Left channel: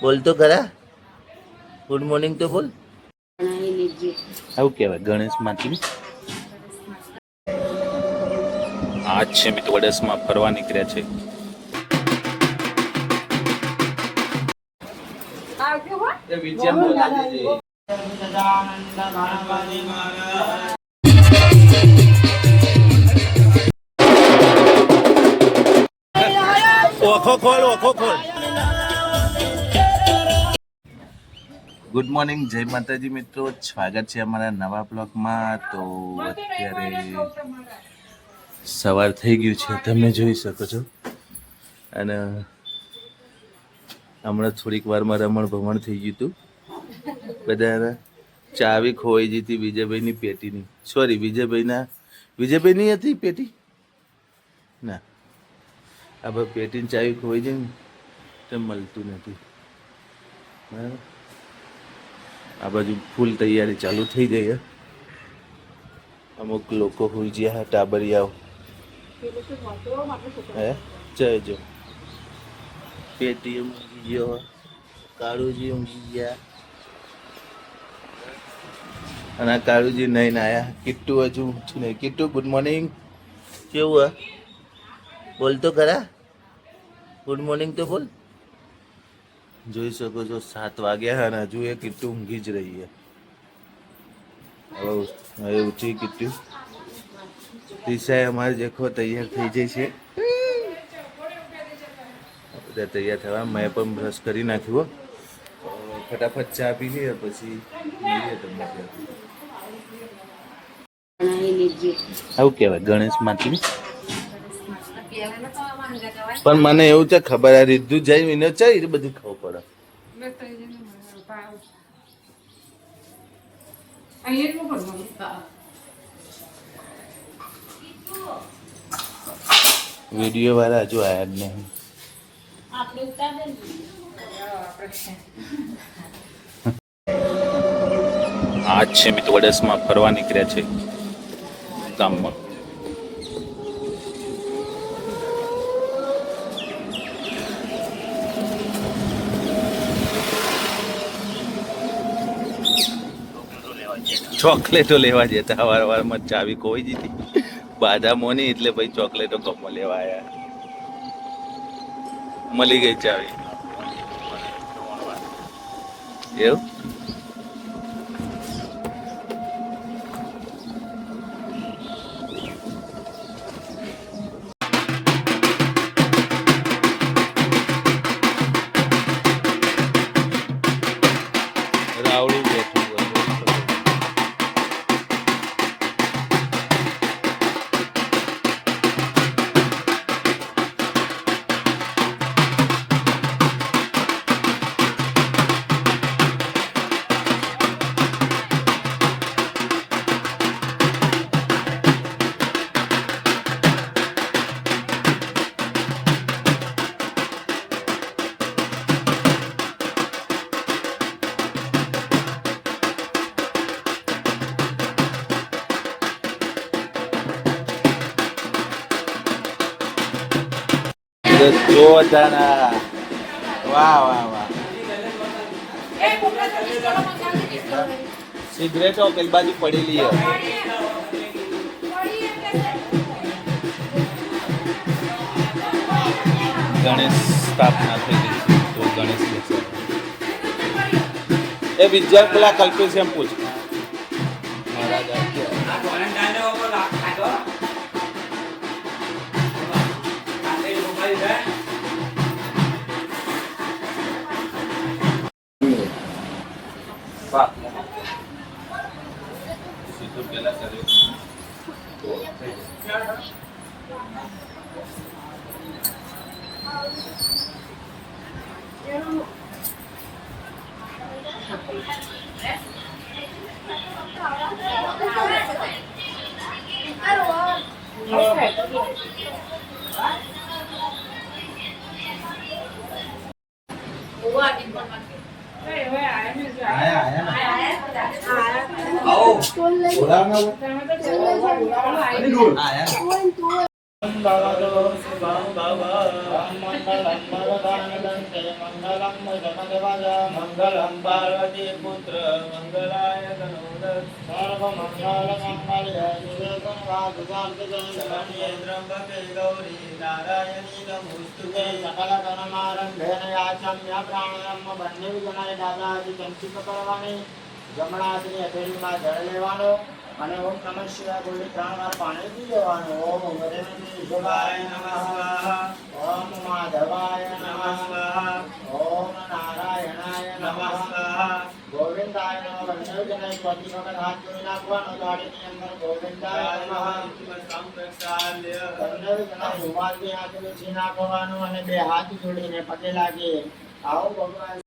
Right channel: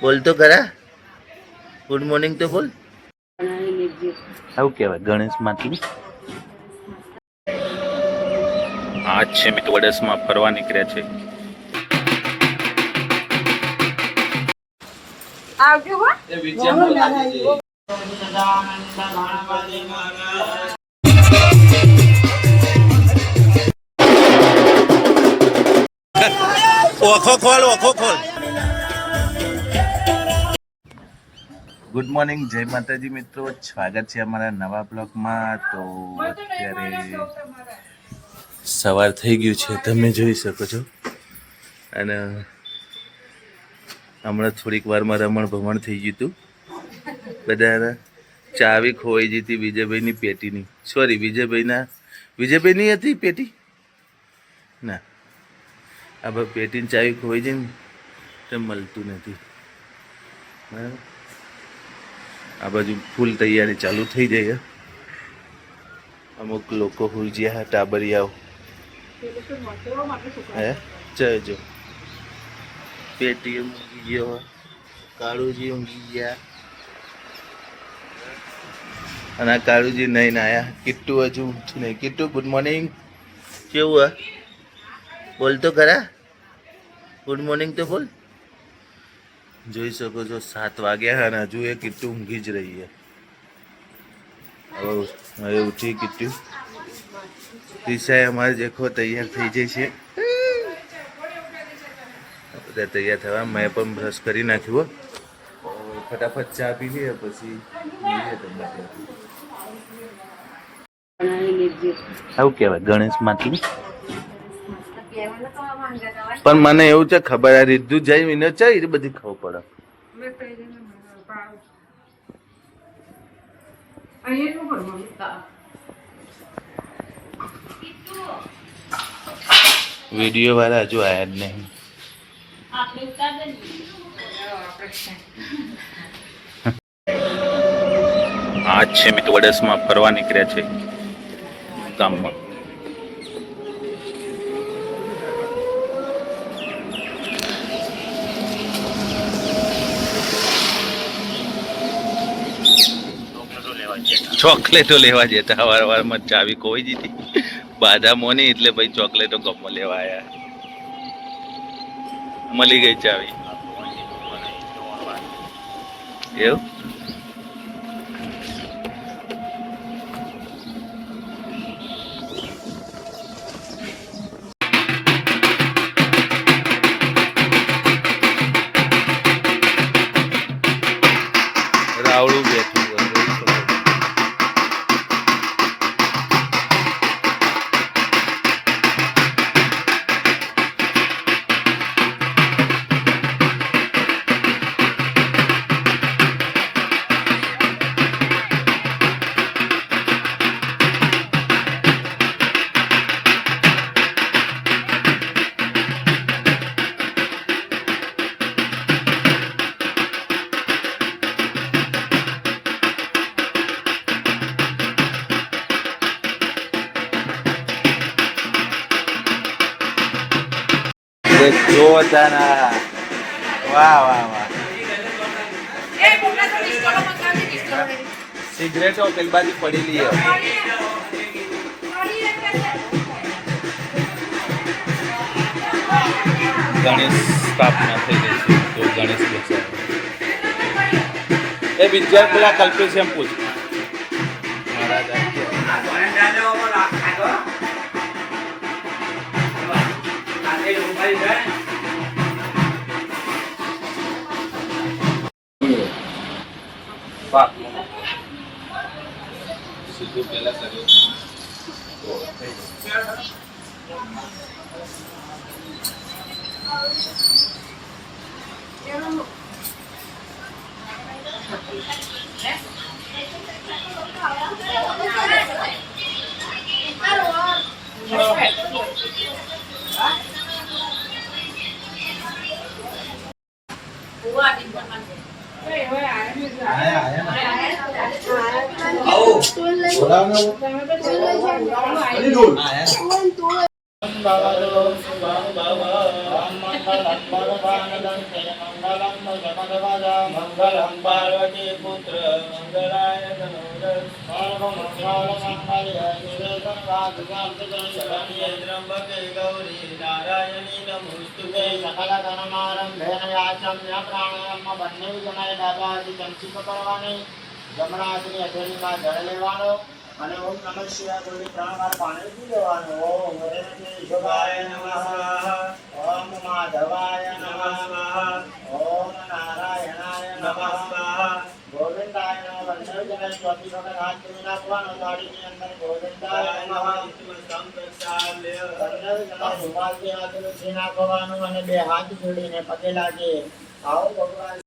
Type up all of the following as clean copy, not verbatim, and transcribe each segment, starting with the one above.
બોલ તો ખરા. ગુડ મોર્નિંગ તો બોલ. આવું કહેવાય ગણેશ માતની. આજ છે મિત્રો વડસમાં ફરવા નીકળ્યા છે. ઓખો ખોલ ઓખો ખોલ. ગુડ મોર્નિંગ, જય માતાજી મિત્રો, સ્વાગત છે અમારા નવા બ્લોગમાં. તો અત્યારે સવાર થઈ ગયું છે, તમે જોઈ શકો છો. અને હમણાં થોડીક વારમાં રમણ ભમણ થઈ ગયું હતું. બધા ચાવી ખોવાઈ ગઈ હતી વિજયભાઈની પેટીની. સોરી, વિજયભાઈની હતી પેટી ના, આ ભાઈ પેટીની ચાવી ખોવાઈ જાય ને તો મળતું નથી. બરાબર, આ બાજુ ફૂલ તૈયારી ચાલુ થઈ જાય. અમુક લોકો હુલજ્યા ટાબરિયાઓ હે જજો. પેટી ઊંઘી ગયો, કાળુજી ઊંઘી ગયા, અને આ કાળુજી નહીં આયા. કિટ્ટુ હજુ ઉઠી નહીં. Kittu good morning. કેવું હા બોલ તો ખરા. ગુડ મોર્નિંગ તો બોલ. જોઈ શકો છો 7 વાગ્યા અને હજુ એ કિટ્ટુ ઊંઘી જ રહી છે. હવે ઉઠી કિટ્ટુ. દિશાએ અમારે જેખો તૈયાર થઈ જાય છે. બધા તૈયાર થવા. મેં પણ બ્રશ કરી નાખ્યું. ફટાફટ ચા પી લઈએ પછી મળીએ તમને. આવું કહેવાય ગણેશ માતની. પણ મને એવું છે ખબર આ રીધું જાય વિને છે એ બધી ખબર પડે. વિડીયો વાળા હજુ આયા જ નહીં. આજ છે મિત્રો વડસમાં ફરવા નીકળ્યા છે ગામમાં. ચોકલેટો લેવા જતા. વારમાં ચાવી ખોઈ જીતી બાધા મોની, એટલે ભાઈ ચોકલેટો ગમો લેવા આવ્યા. મળી ગઈ ચાવી. એવું રાવડું બેઠું જોરદાર. વાહ વાહ વાહ. સિગરેટો પેલી બાજુ પડેલી છે. ગણેશ સ્થાપના થઈ ગઈ છે તો ગણેશ બેસે. એ વિદ્યા પેલા કલ્પેશ એમ પૂછ મહારાજ સીધું પેલા કર્યો. ભવતો શુભં ભવ મંગલં ભગવાનદંતે મંગલં જગદવદ મંગલં પાર્વતી પુત્ર મંગલાય તનોરથ સર્વમંગલ મંગલ્ય શિવે સર્વાર્થસાધકે શરણ્યે ત્ર્યંબકે ગૌરી નારાયણી નમોસ્તુતે સકલ કર્મારંભેન યાચમ્ય પ્રાણાયામ બંને જણાય દાદાજી ચંચિત કરવાની જમણા હાથની હથેળીમાં જળ લેવાનો અને ઓમ નમઃ શિવાય બોલી 3 વાર પાણી પી લેવાનું. ઓમ હરેન્દ્ર શિવાય નમઃ, ઓમ માધવાય નમઃ, ઓમ નારાયણાય નમઃ, ગોવિંદાય નમઃ. બંને જણાય ચોથી વખત હાથ ધોઈ નાખવાનો. દાઢીની અંદર ગોવિંદાય નમઃ બંને જણાય રૂમાલથી હાથ લૂછી નાખવાનું અને બે હાથ જોડીને પગે લાગીએ. આવો ભગવાન.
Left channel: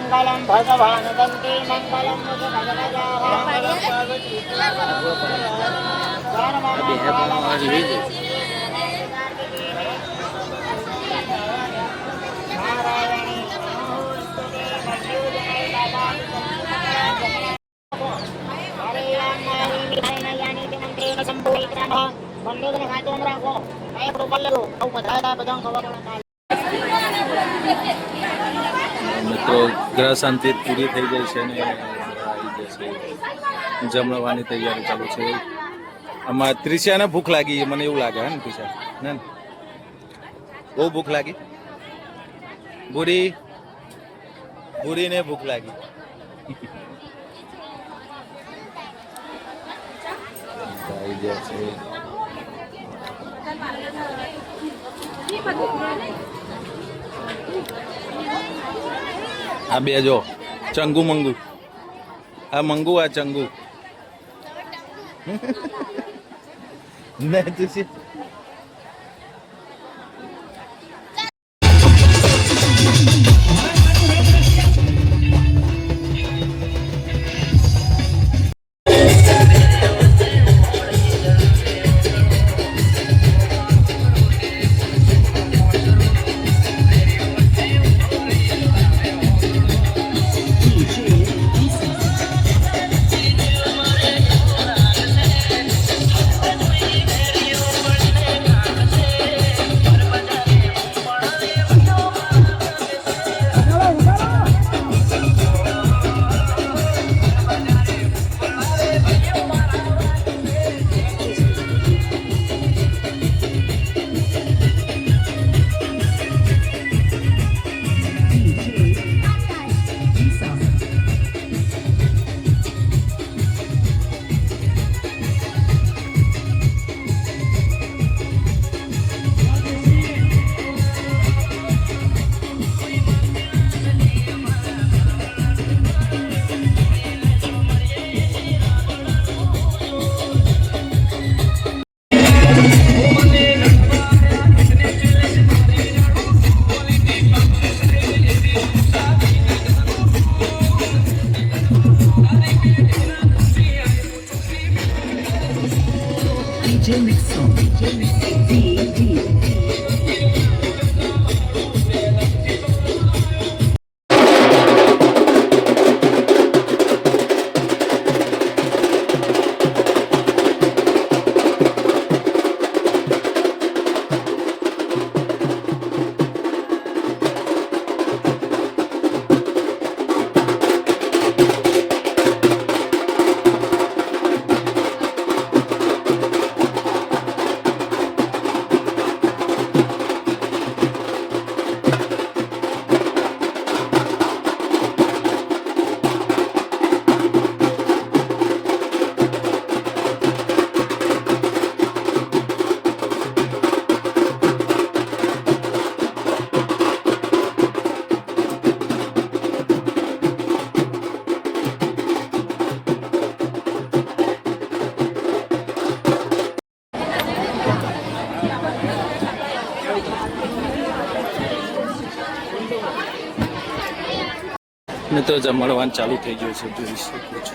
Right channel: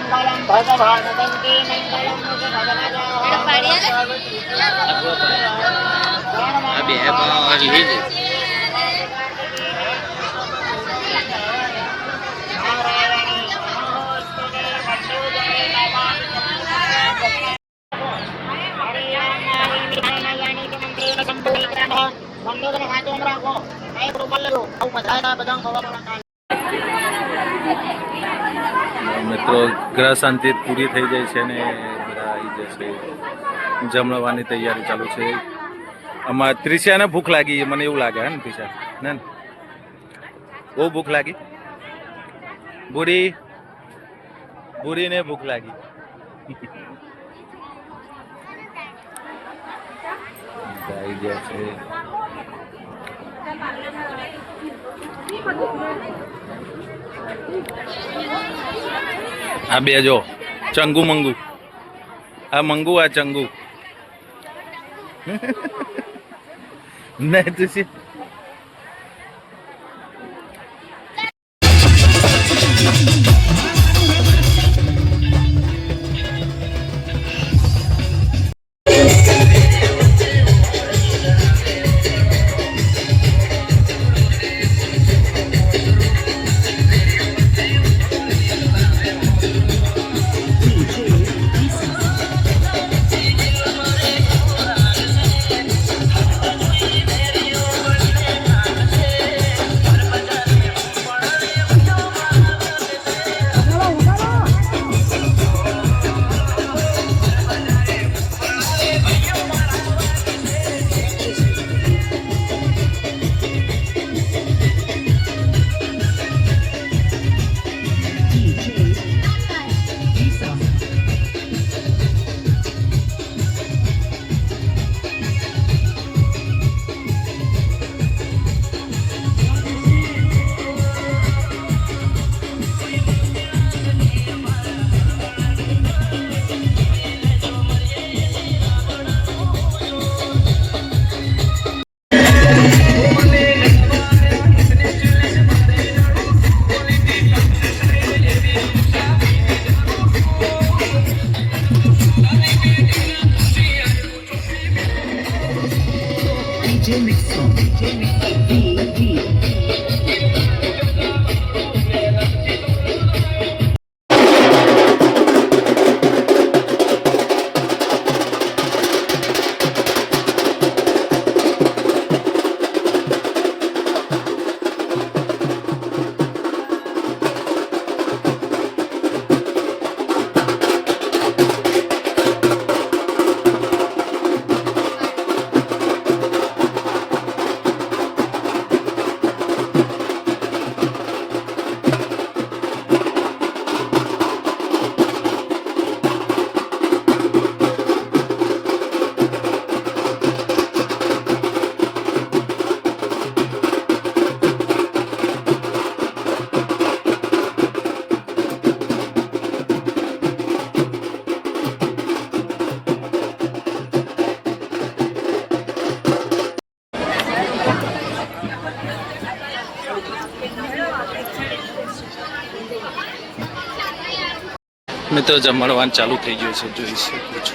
મંગલમ ભગવાન દંતે મંગલમ મિત્રો ગ્રહ શાંતિ પૂરી થઈ જાય છે ને બધા આવી જશે. જમણવાની તૈયારી ચાલુ છે. આમાં ત્રિશાને ભૂખ લાગી મને એવું લાગે હે ને ત્રિશા ને બહુ ભૂખ લાગી. બુરીને ભૂખ લાગી. આવી ગયા છે. આ બે જો ચંગુ મંગુ. આ મંગુ આ ચંગુ. નહીં તું મિત્રો જમણવાન ચાલુ થઈ ગયું છે, જોઈ શકો છો.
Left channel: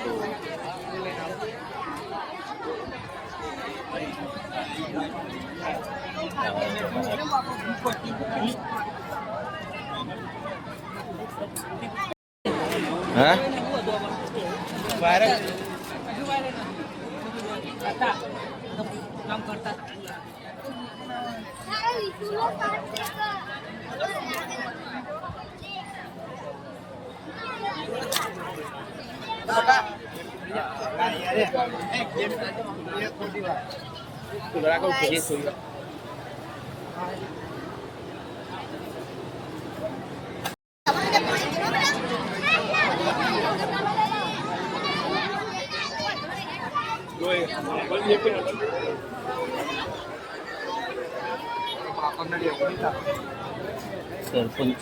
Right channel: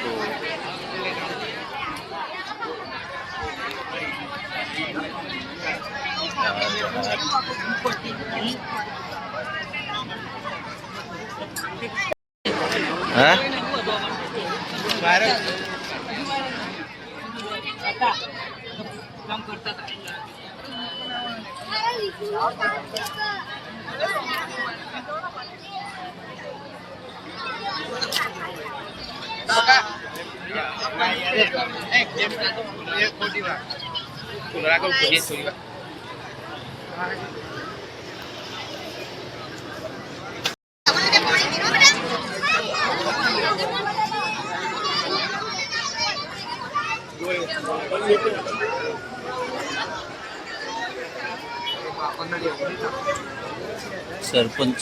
હા સરપંચ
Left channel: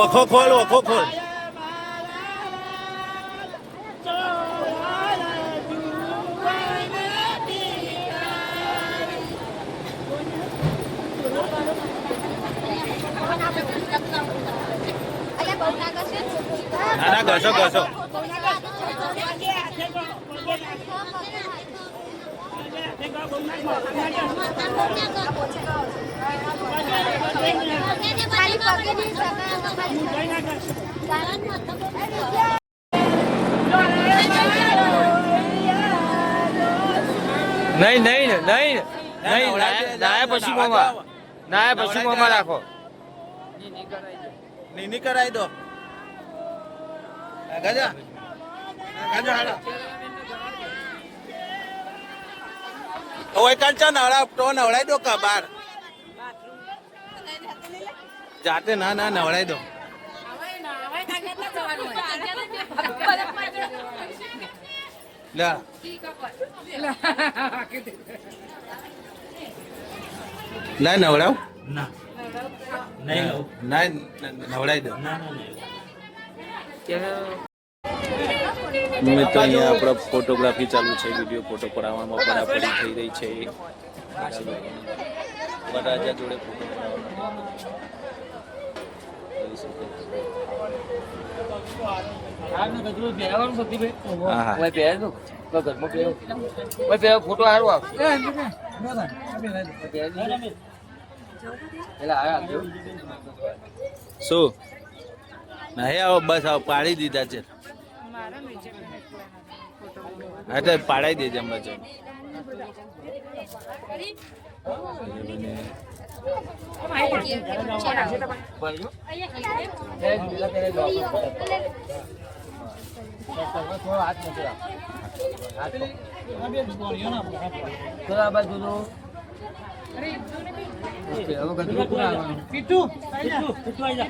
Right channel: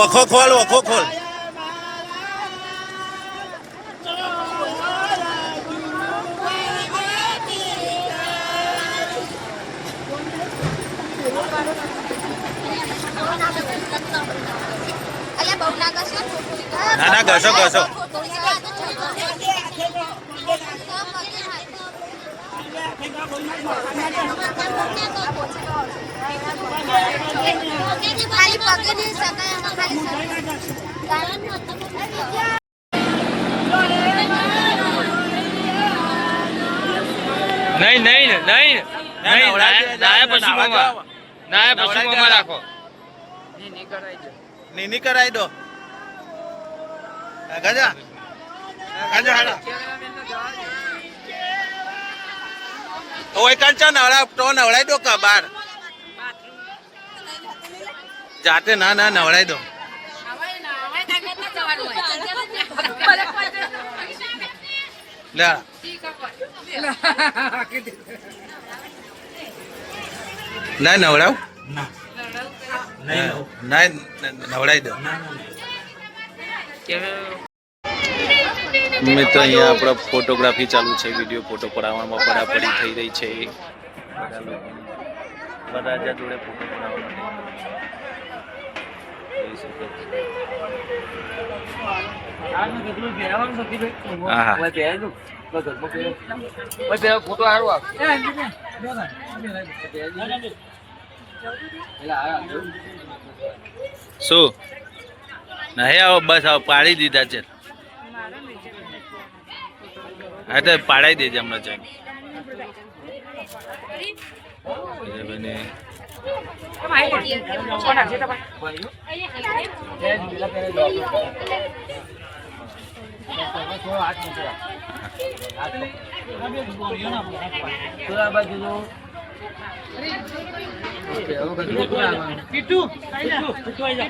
ઓખો ખોલ, ઓખો ખોલ. ના ના, ઘસો ઘસો. ખાલી પગે નહીં શકાય, ખાલી નહીં નહીં નહીં ના પછી મોમાં રાખો. નીની કરાઈ દો. ગજા ગજા હાડા ઓય કાંચા નવડા તો નવડાઈ દો કા બાર જાતે. ના ના, નવડાઈ દો. લે ના નવડાવ ના નવડાઈ દો. મિત્રો અહીંયા આપણા ફોટોગ્રાફી ચાલુ છે, વિડીયો ફોટો પડાવવામાં પડાપડી થઈ રહી છે. વરરાજા જોડે ફોટો પડાવવા ફોટો સારું આપ. શું નહીં આવો? બસ આવો, પાડી દીધા છે. હા તો પાડાઈ દેજે હમણાં જઈને.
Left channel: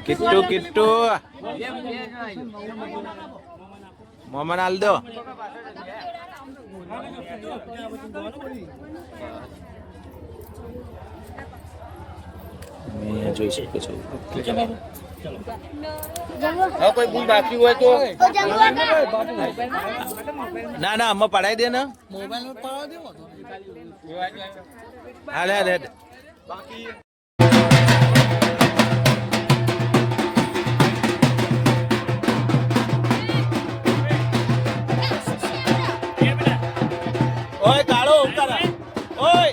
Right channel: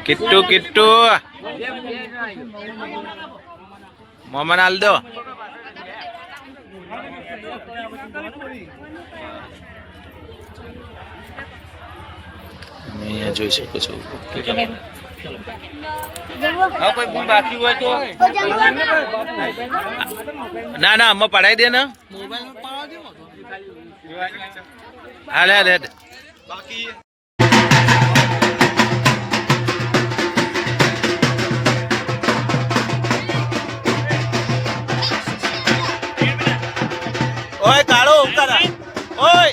કિટ્ટુ કિટ્ટુ મોમન હાલ દો. અહીંયા જોઈ શકો છો. બાકી હોય તો ના ના, આમાં પડાઈ દે ને. હાલે હાલે બાકી ઓય કાળો ઉતારા ઓય.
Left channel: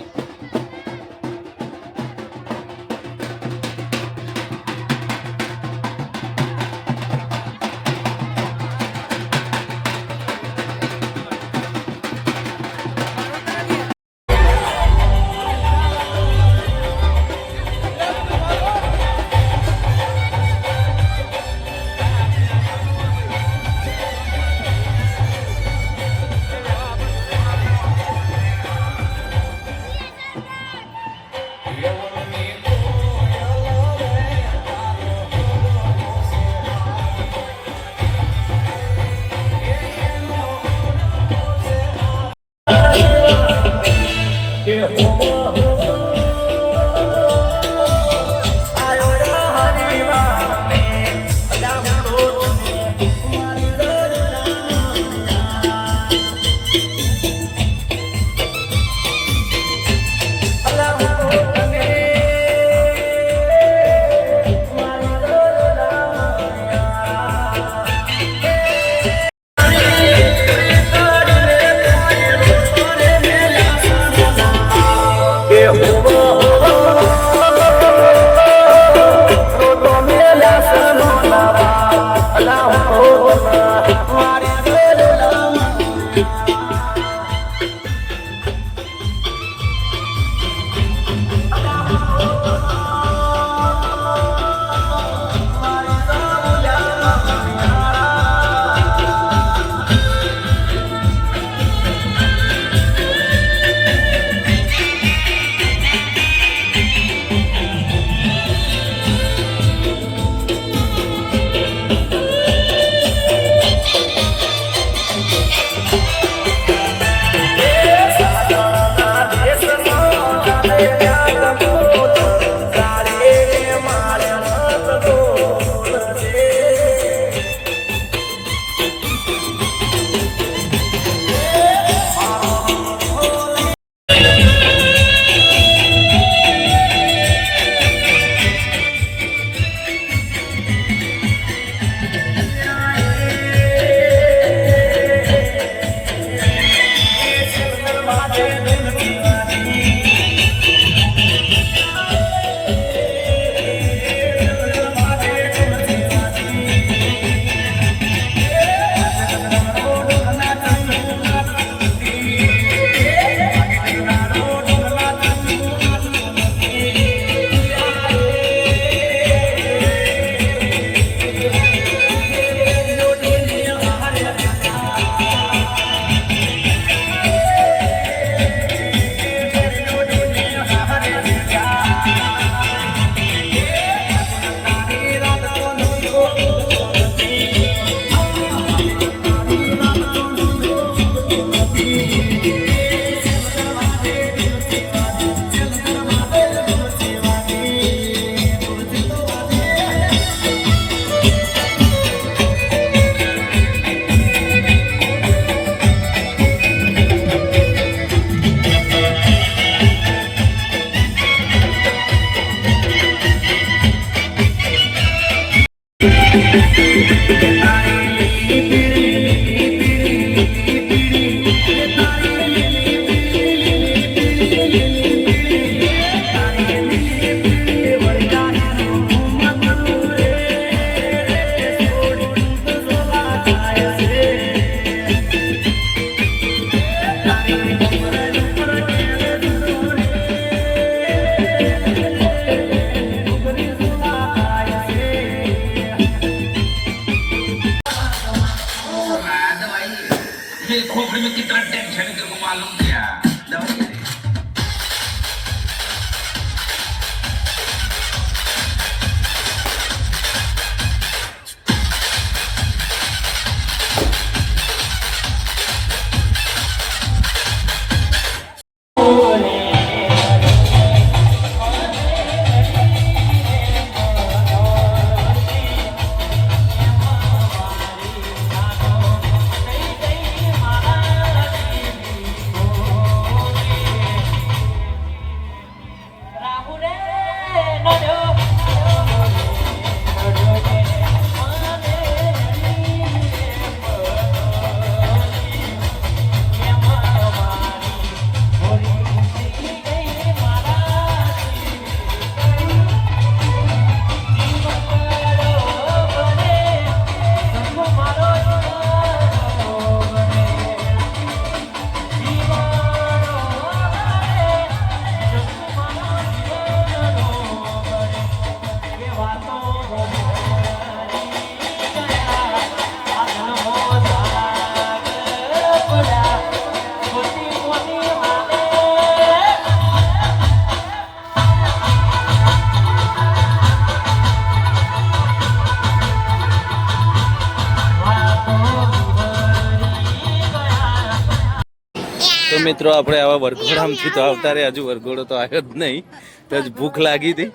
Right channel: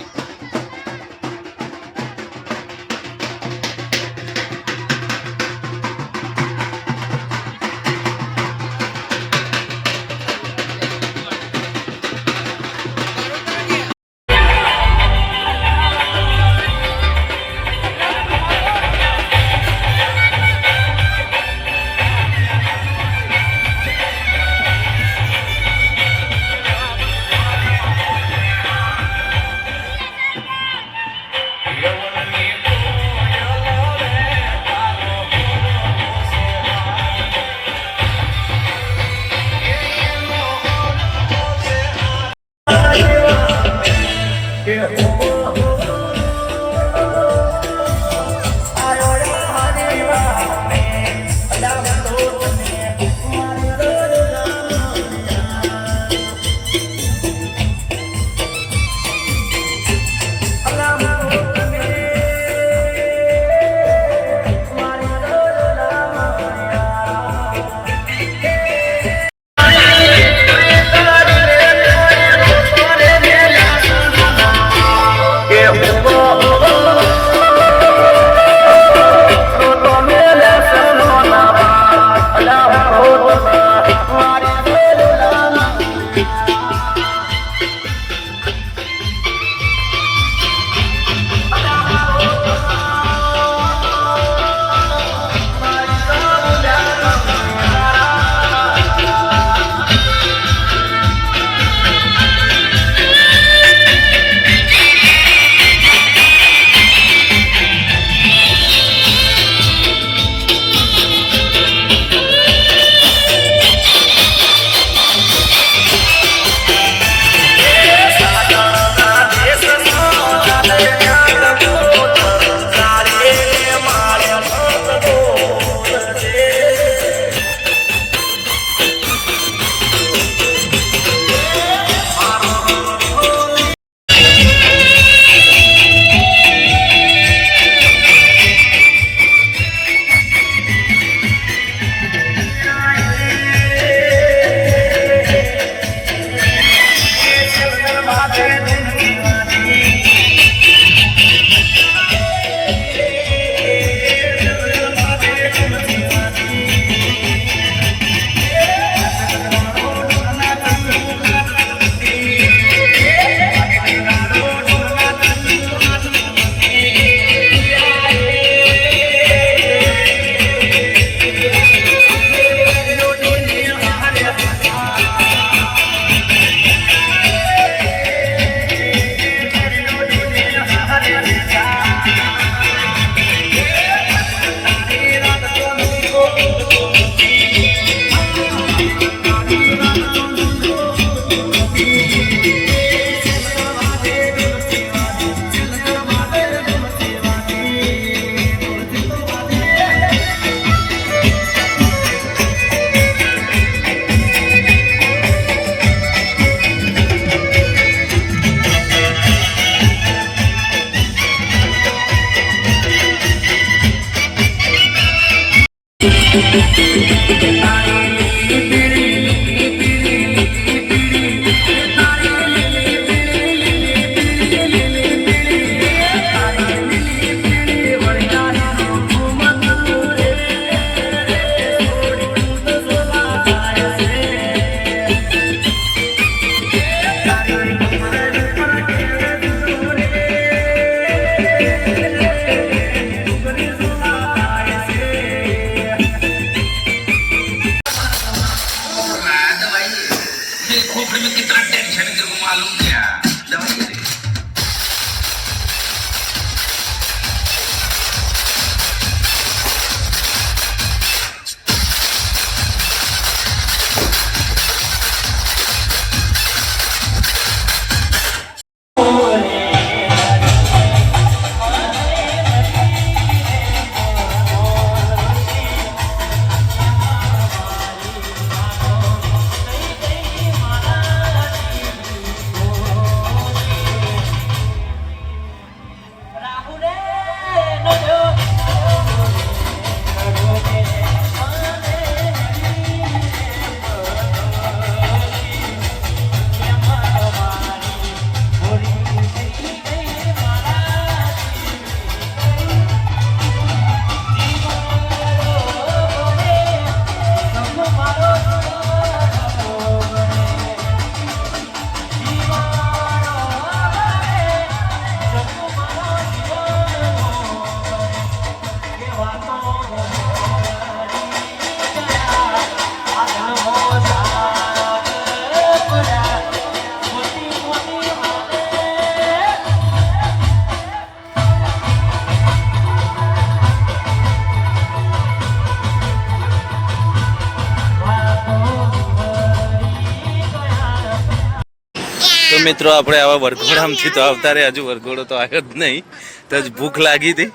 તો મિત્રો આપણે આવા વરઘોડામાંથી તો આવતા રહે, હજુ વરઘોડો તો આવ્યો જ નહીં. તો જ ભૂખ લાગી હતી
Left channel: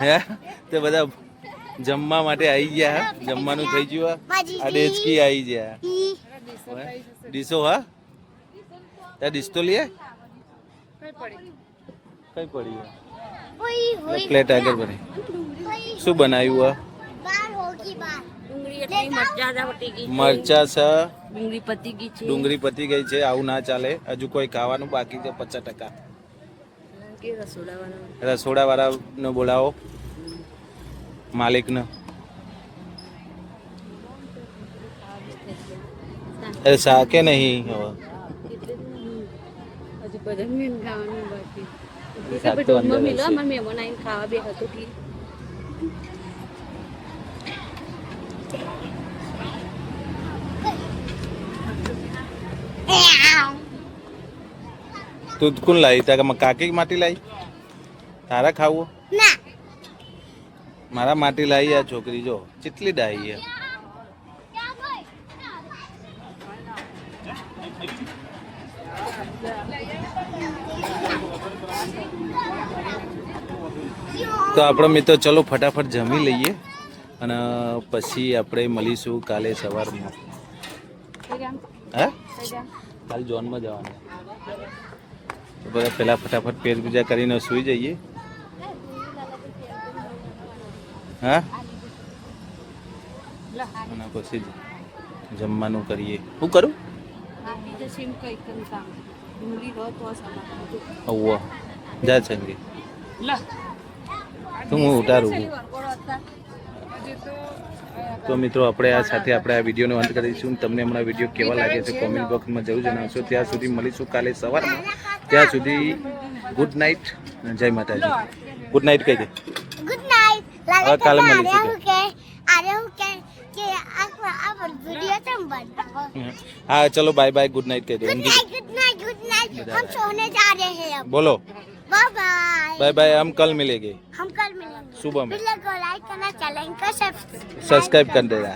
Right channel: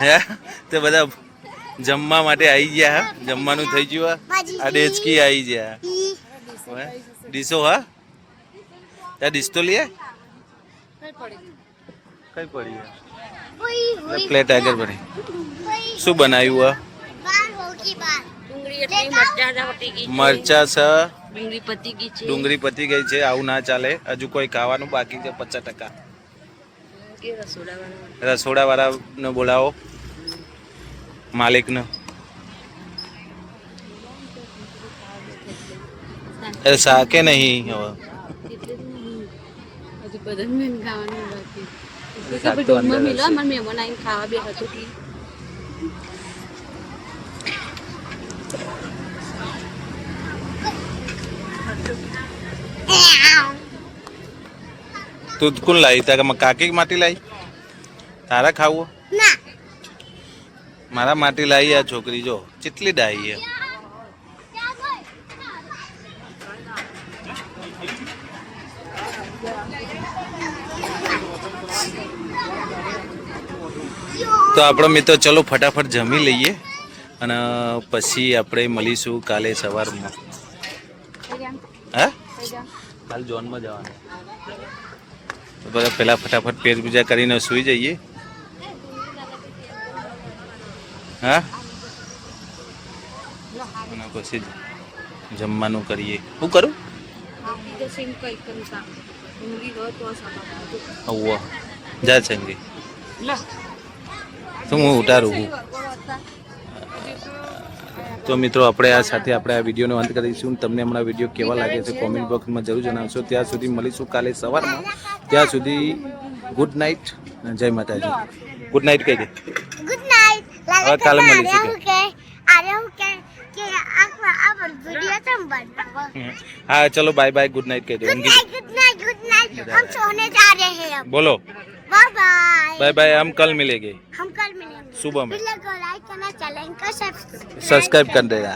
હે, તો બધા જમવા માટે આવી ગયા. જમવાનું થઈ ગયું. આ ડેચકી આવી ગયા. ડીશો હા, ત્યાં ડીશ તો લે કઈ પડી પ્લેટ આગળ પડી. શું બનાવ્યું? મરચા છે, ડુંગળી પતી ગઈ છે. આવું ના ચાલે. હજુ કોઈ ખાવાનું બાકી છે 50%. રસોડા વાળાને બોલાવો, માલિકને. અરે શાકે નહીં હવે. શાક તો અંદર હશે. તું કોણ લાવી? તારા કાકી માટી લાવી? તારા ખાવું? મારા માટી લાવી. આ છોકરી જો કેટલી ડાઈ છે. તો આપણો મિત્રો ચલો ફટાફટ જમી લઈએ અને પછી આપણે મળીશું કાલે સવારમાં. હા, કાલે જોનમાં જવાનું. તો બધા પહેલાં ફટાફટ પેટ પૂજા કરીને સૂઈ જઈએ. હા, અને પછી જમવાનું કરીએ. શું કરું? અવ્વા જા ચંગી. તો હું ઉતારું. તો મિત્રો આપણે આ સાથે આપણે આ વિડીયોનો અંત કરીશું. તમને હમણાં વિડીયો કેવા લાગે છે કોમેન્ટ બોક્સમાં જરૂર જણાવશો. ત્યાં સુધી મળીશું કાલે સવારમાં. ત્યાં સુધી ગુડ નાઇટ. જય માતાજી. ગુડ નાઇટ કહી દે. Good night. હવે કાલે મળીશું. हाँ चलो बाय बाय गुड नाइट कह दो. Good night good night. हम सोने जा रहे हैं अब. बोलो बाय बाय. Bye bye. हम कल मिलेंगे. हम कल मिलेंगे सुबह में. वीडियो को लाइक करना, चैनल को सब्सक्राइब कर देगा.